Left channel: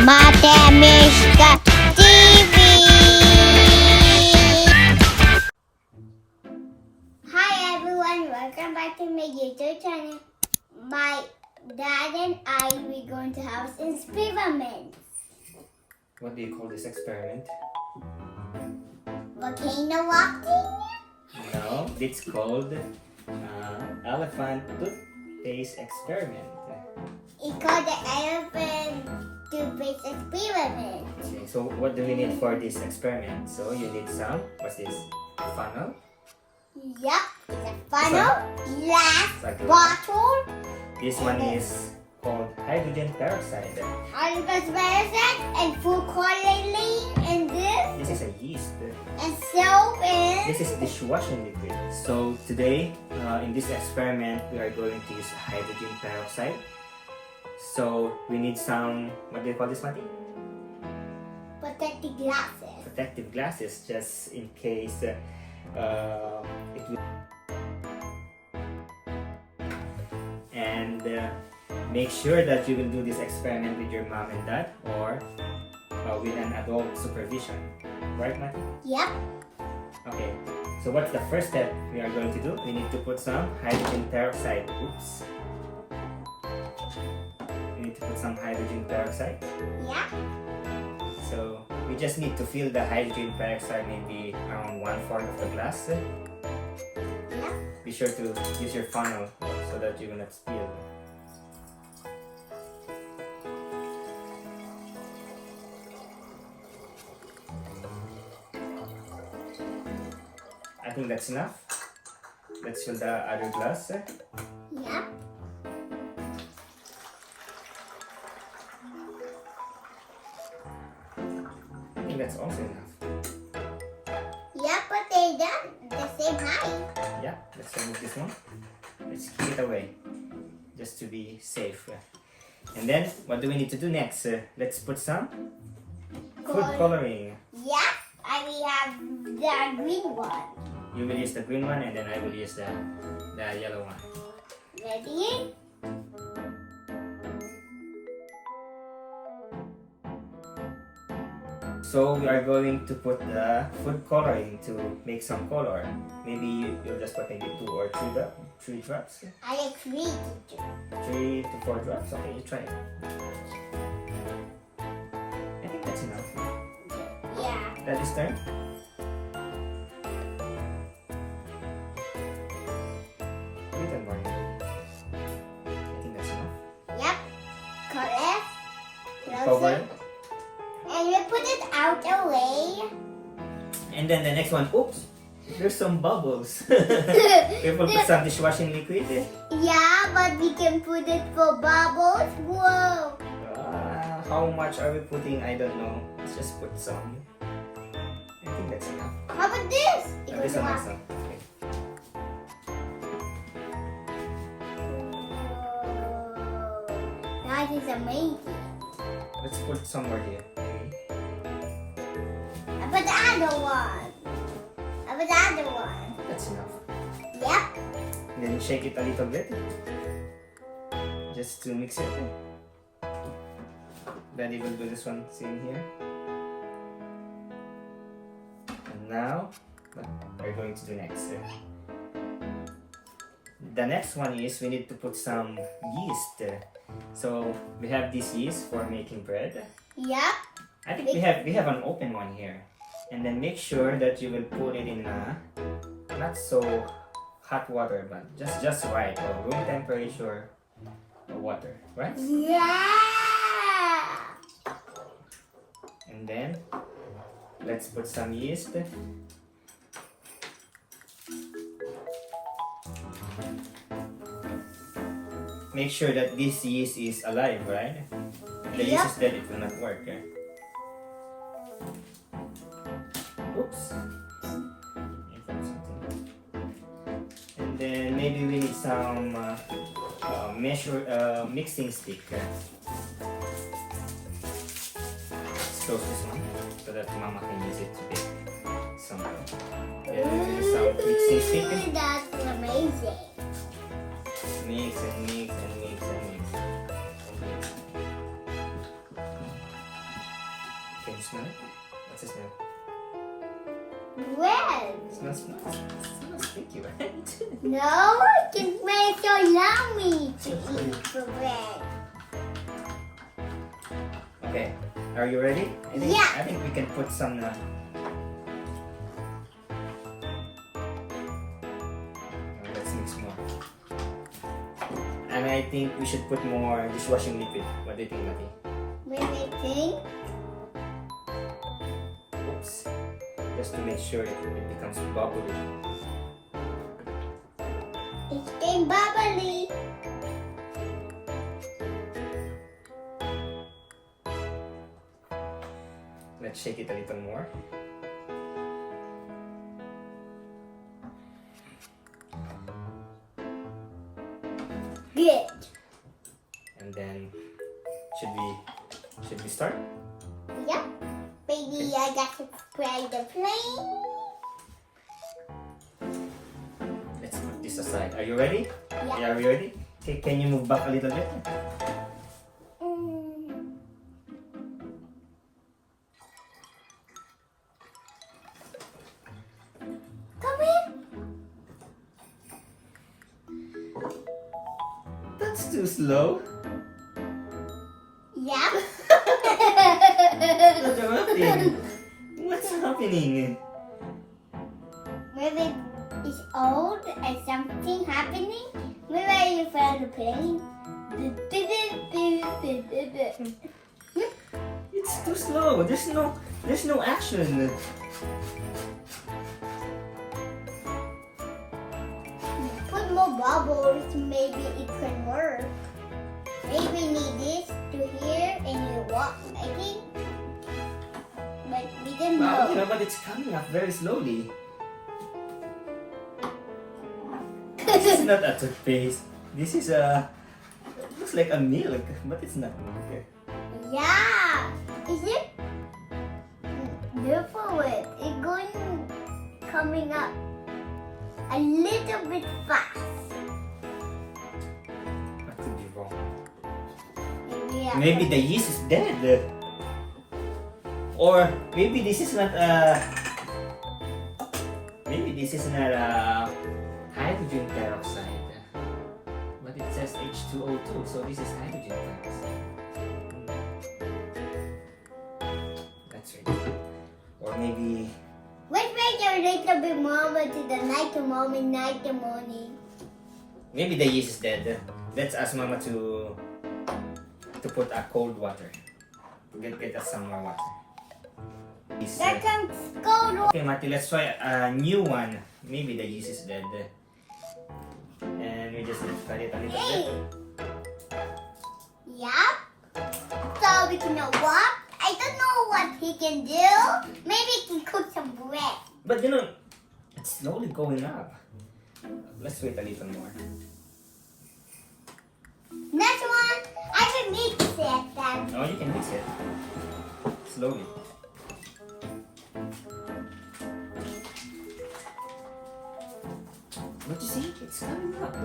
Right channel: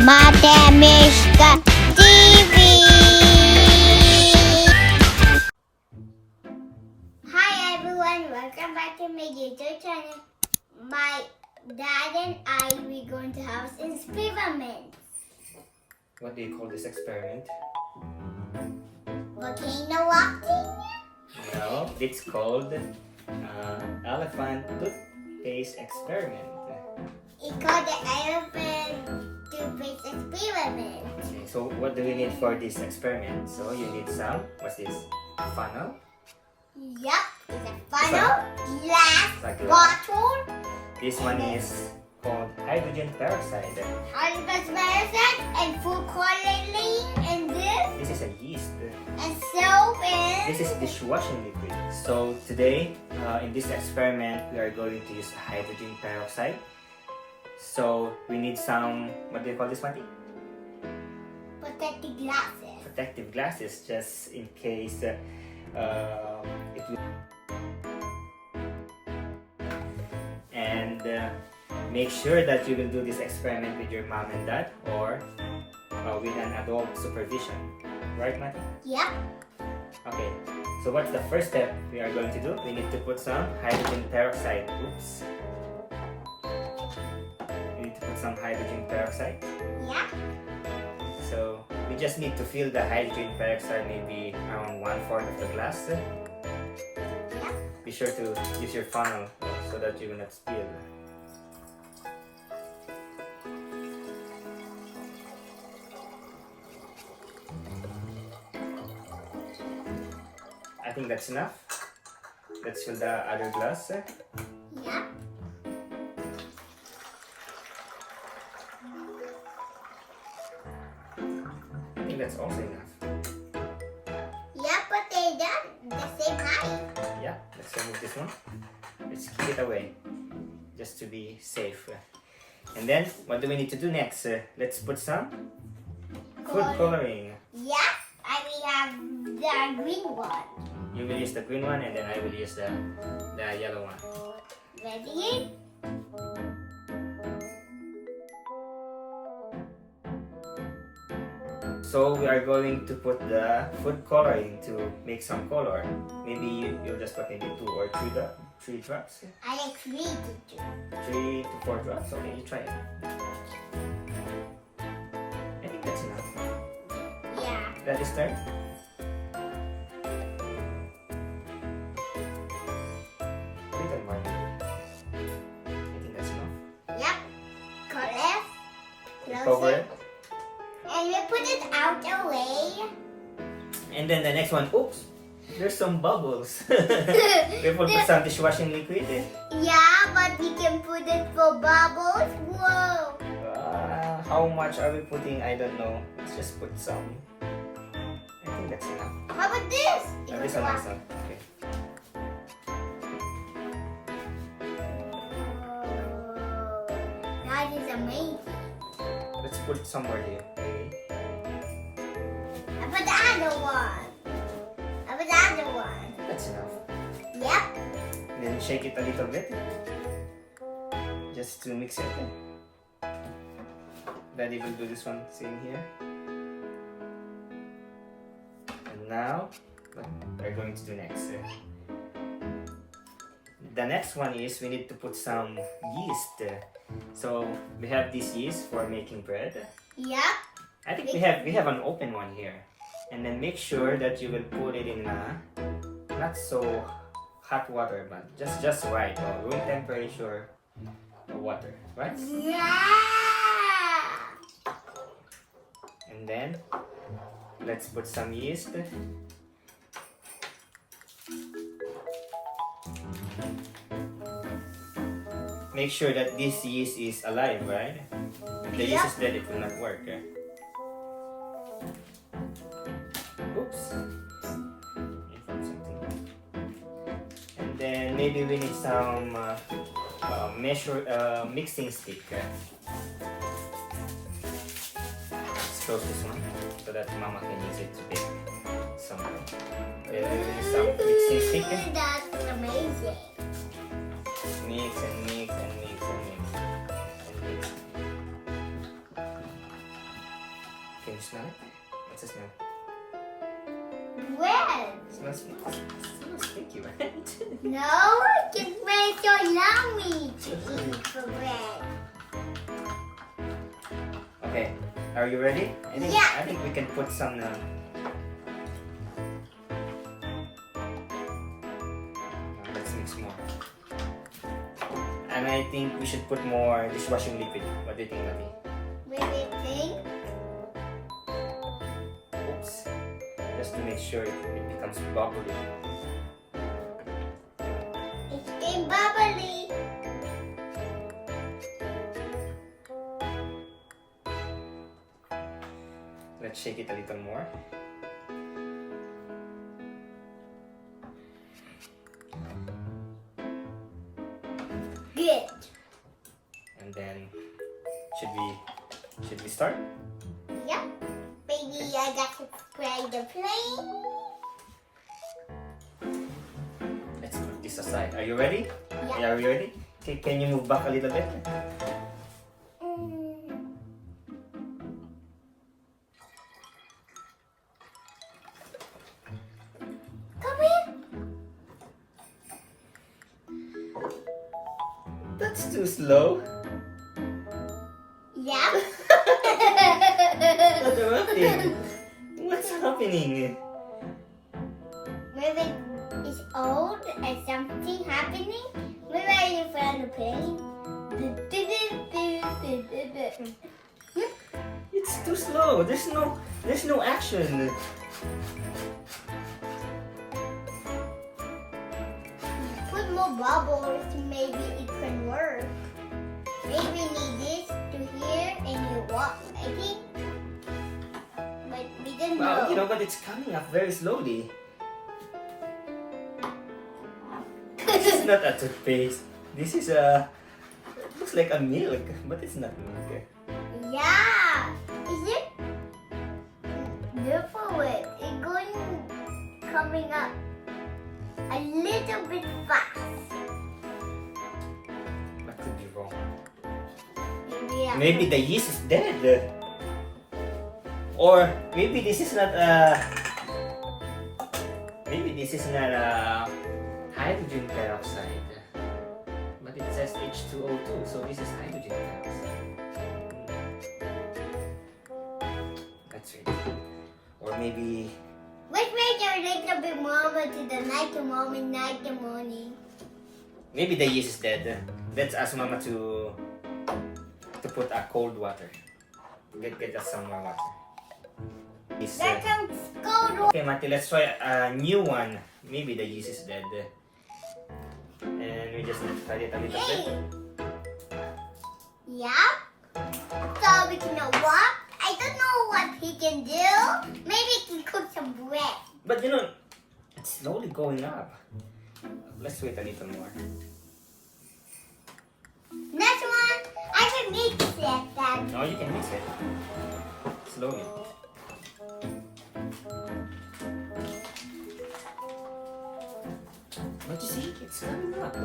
Matemishka TV. Hi everyone, welcome back to my YouTube channel. My dad and I, we're going to have experiments. What do you call this experiment? Volcano walking? No, it's called elephant toothpaste experiment. It's called the elephant toothpaste experiment. Okay, so what do we need for this experiment? So you need some, what's this? Funnel? Yup, it's a funnel, glass, Like bottle, this one is called hydrogen peroxide. hydrogen peroxide, and food coloring, and This is a yeast. and soap, and This is dishwashing liquid. So today, in this experiment, we are going to use hydrogen peroxide. So we need some, what do you call this, Mati? protective glasses. Protective glasses, just in case it will. And make sure that you will do this experiment with your mom and dad or with an adult supervision. Right, Mati? Yep. Okay, so what's the first step we are going to do? We need to put some hydrogen peroxide. Oops. We need to put some hydrogen peroxide. Yeah. So we just need to fill the hydrogen peroxide maybe around 1/4 of the glass. Yeah. Be sure to use your funnel so that you will not spill. I think that's enough. Let's fill the other glass. Yep. I think that's also enough. Yep, but they're done the same height. Yeah, let's remove this one. Let's keep it away, just to be safe. And then, what do we need to do next? Let's put some food coloring. Yep. And we have the green one. You will use the green one, and then I will use the yellow one. Ready? So we are going to put the food coloring to make some color. Maybe you'll just put maybe 2 or 3 drops. I agree to do. 3 to 4 drops. Okay, you try it. I think that's enough. Yeah. That is turn. Little more. I think that's enough. Yep. Correct. Cover it. And we put it out away. And then the next one, oops, there's some bubbles. We will put some dishwashing liquid. Yeah, but we can put it for bubbles. Whoa. How much are we putting? I don't know. Let's just put some. I think that's enough. How about this? This one also. Okay. That is amazing. Let's put some more here. Okay. How about the other one? How about the other one? That's enough. Yep. And then shake it a little bit. Just to mix it. Daddy will do this one same here. And now, what we're going to do next. The next one is we need to put some yeast. So we have this yeast for making bread. Yep. I think we have an open one here. And then make sure that you will put it in not so hot water, but just right, or room temperature water, right? Yeah. And then let's put some yeast. Make sure that this yeast is alive, right? If the yeast is dead, it will not work. Oops. And then maybe we need some mixing stick. Let's close this one so that Mama can use it to bake some. Some mixing stick. That's amazing. Mix and mix and mix and mix. smell it? What's the smell? Red. Smells sticky, right? No, it can smell so yummy to eat for bread. Okay, are you ready? Yeah. I think we can put some let's mix more. And I think we should put more dishwashing liquid. What do you think, Mati? What do you think? Oops. Just to make sure that it becomes bubbly. It's getting bubbly. Let's shake it a little more. Good. And then should we start? Yep. Baby, I got to spray the plane. Let's put this aside. Are you ready? Yeah. Are you ready? Okay, can you move back a little bit? Come in. That's too slow. Yeah. What's happening? Maybe it's old and something happening. Maybe you found the plane. It's too slow. There's no action. Put more bubbles, maybe it can work. Maybe we need this to here and you walk, I think. But we didn't Wow, know. but it's coming up very slowly. This is not a toothpaste. This is looks like a milk, but it's not milk. Yeah. Is it? Look for it. It's going coming up a little bit fast. That could be wrong. Yeah. Maybe the yeast is dead. Or maybe this is not hydrogen peroxide. But it says H2O2, so this is hydrogen peroxide. That's right. Or maybe Let's make it a little bit more to the night to morning. maybe the yeast is dead. Let's ask Mama to put a cold water. Get us some more water. That comes cold water. Okay, Mati, let's try a new one. Maybe the yeast is dead. And we just need to try it a little Hey. bit. Yep. So we can what? I don't know what he can do. Maybe he can cook some bread. But it's slowly going up. Let's wait a little more. Next one, I can mix it then. No, you can mix it. Slowly. But you see, it's coming up.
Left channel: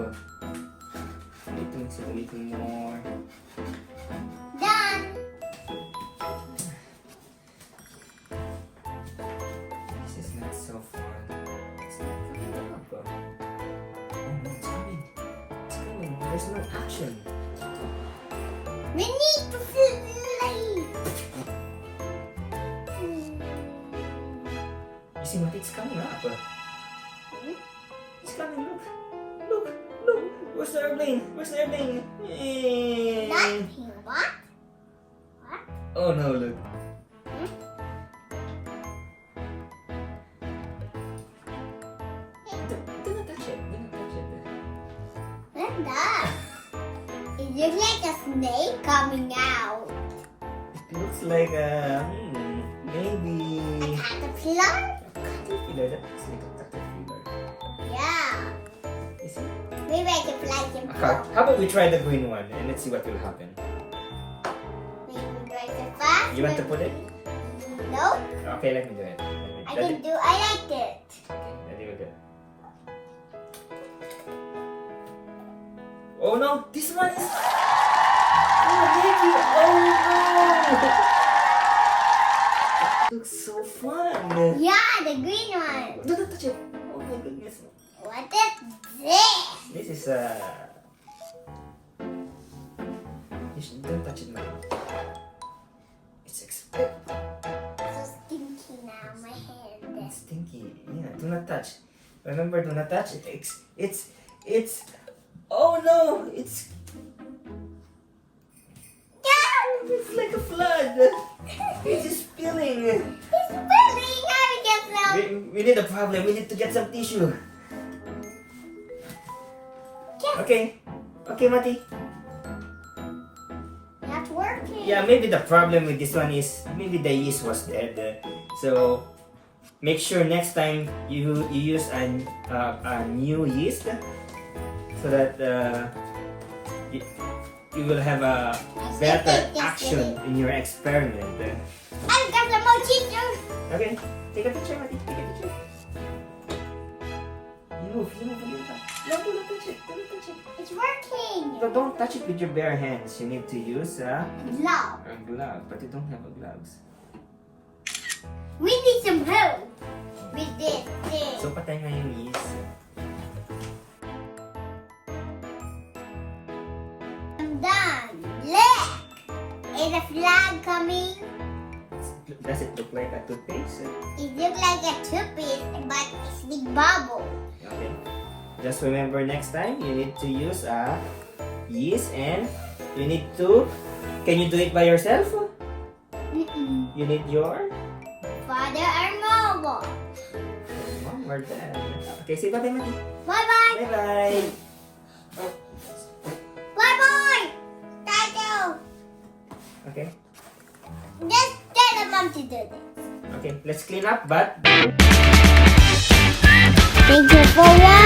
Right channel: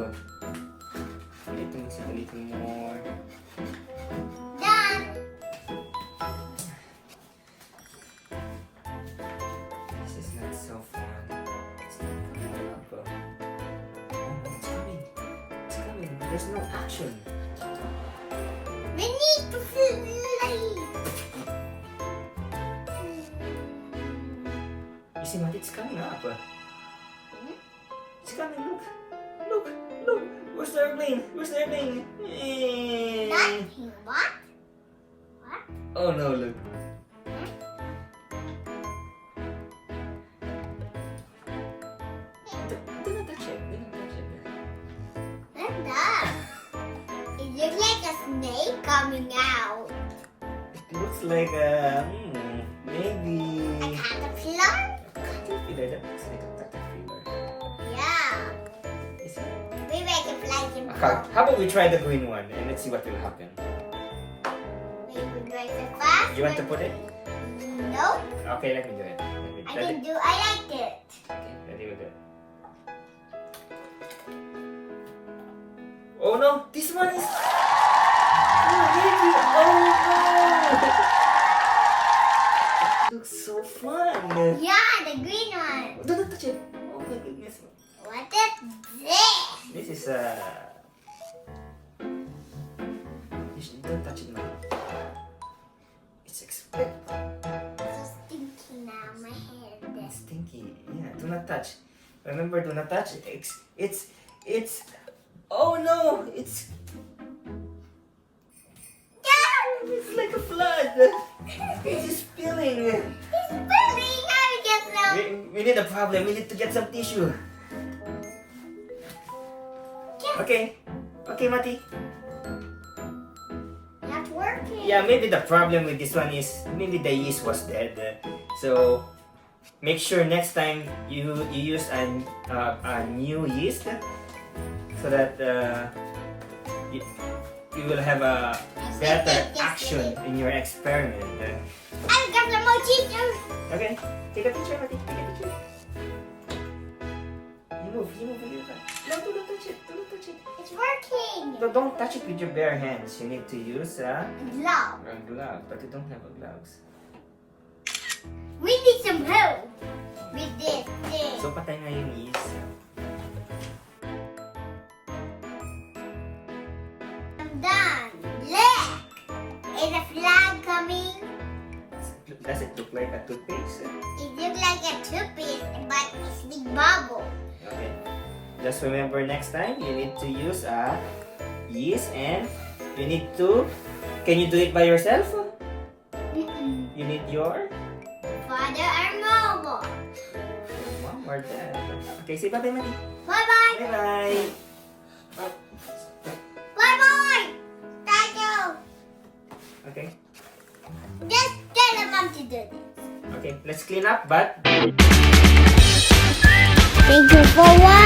I need to mix it a little more. Done. This is not so fun. It's not coming up. Oh, it's coming. It's coming. There's no action. We need to fill the light. You see what? It's coming up. It's coming. Look. Where's the airplane? Nothing. What? Oh no, look. Do not touch it. What's that? It looks like a snake coming out. It looks like A maybe caterpillar? caterpillar. That looks like a caterpillar. Yeah. Is it? Maybe I can fly them. How about we try the green one and let's see what will happen. Maybe we do it so fast. You want to put it? Nope. Okay, let me do it. I like it. Okay, ready with it. Oh no, this one is. Oh, baby. Oh no! Yeah, the green one. Don't touch it. Oh my goodness. What is this? This is don't touch it, man. It's expensive. So stinky now, my hair. It's stinky. Yeah, do not touch. Remember, do not touch. It's. Oh no! It's like a flood. It's just spilling. We need a problem. We need to get some tissue. Okay. Okay, Mati. Not working. Yeah, maybe the problem with this one is maybe the yeast was dead. So make sure next time you use a new yeast so that you will have a better action in your experiment. I got some more scissors. Okay, take a picture, Mati. Take a picture. You move a little bit. No, don't touch it. Don't touch it. It's working. No, don't touch it with your bare hands. You need to use a Glove. glove, but you don't have a gloves. We need some help with this thing. So patay na yung yeast. I'm done. Look! Is a flag coming? Does it look like a toothpaste? It looks like a toothpaste, but it's big bubble. Okay. Just remember next time you need to use a yeast and you need to. Can you do it by yourself? You need your Father or mobile. mom or dad. Okay, say bye-bye, Mati. Bye-bye. Bye-bye. Bye-bye. Tato. Okay. Just tell the mom to do this. Okay, let's clean up, but Thank you for watching.